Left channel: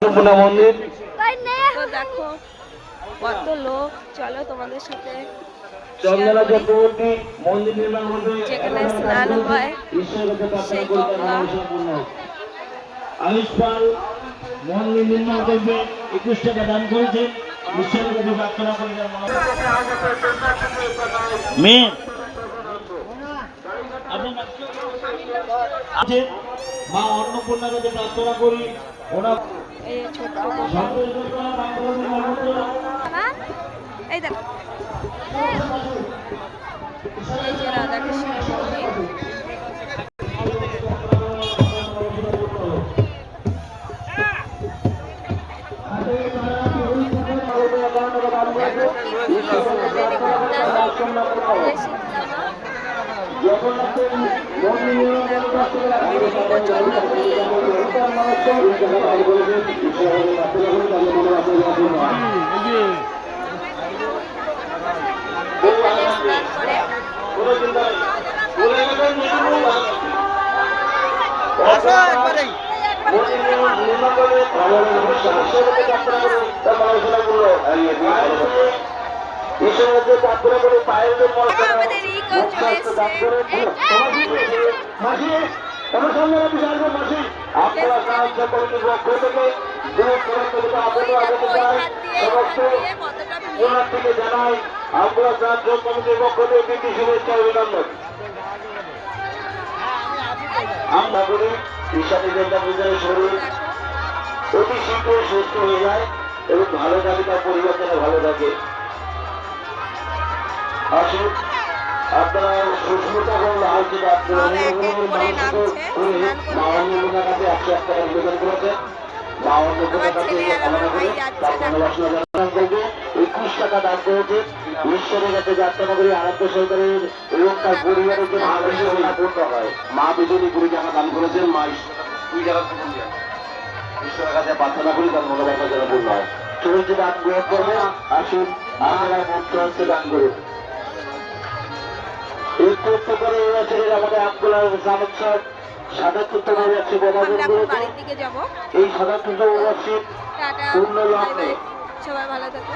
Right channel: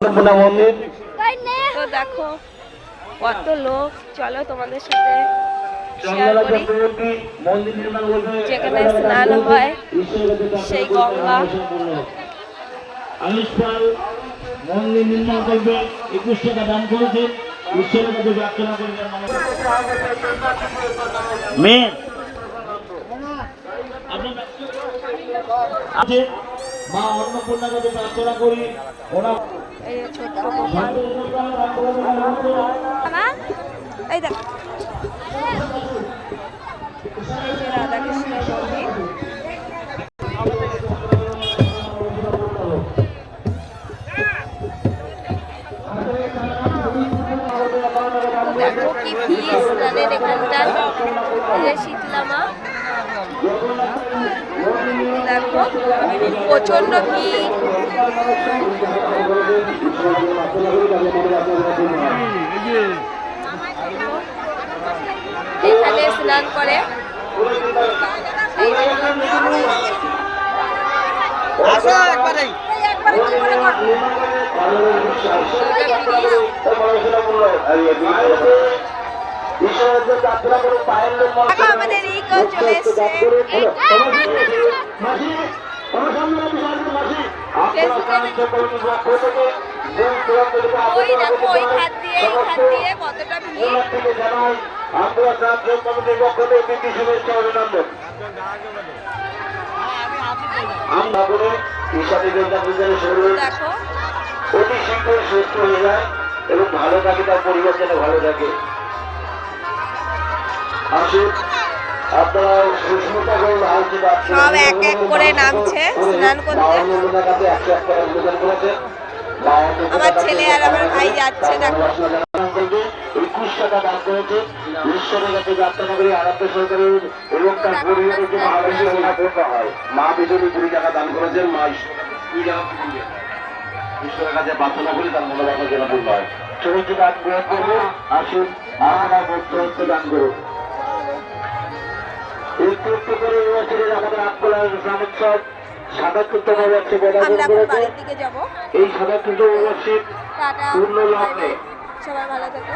মন্দির তো দেখো কত লোক, চলো তোমাদের সাথে যেখানে স্নান হয় সেই গঙ্গা। আয়ুষ পাল মন্দির নির্মাণ করবে 21 টাকা দান করেছে। ঈশ্বরের কাছে প্রার্থনা করে মেয়ে আছে মা অন্নপূর্ণার কাছে প্রার্থনা করি ওনার এই যে ছোট্ট গোপাল, এই দেখো এই যে রাধাকৃষ্ণের মন্দির। দেখো কি ভিড় স্নানের এখানটা, শীতলামা দেখো প্রচন্ড ভিড়। এখানে স্নান করে আসো একবারে কি করে করবো? দেখো আমাদের ইগল চলে এসছে। ওই দেখো ওই খাত দিয়ে এই খাত দিয়ে কতটা ভিড়। দেখো অতি শীঘ্র সুস্থ হয়ে যায় এবং ভালো থাকে, তার পরিবর্তনে ভালো থাকে। আসুন আপনারা সুস্মিতা করুন, সব এক এক করে নামছে স্নান করতে। আমার ছেলে আর আমার ভাই যাচ্ছে দেখো। 21 টাকা দান করেছে। ঈশ্বরের কাছে প্রার্থনা করি আরাধ্য সরকারের এবং তার পরিবারের জন্য আনন্দ হয়। মা বিজয়ী 20 টাকা দান করেছেন। মা 2 টাকা ঈশ্বরের কাছে প্রার্থনা করি তার মনোবাসা যেন পূর্ণ হয়। চরিত্র দান গ্রহণ করবো। আসুন আমরা মন্ত্র হচ্ছে দান করুন। একটু একটু করে এবছরের আমাদের আটকলার গ্রামোৎসব সাদাকৃত নববর্ষ বদাজন করেছে। যাবো। এই সাদাকৃত নববর্ষে টাটা, পূর্ণ লাভ নেই। সবাই ভালো থাকো।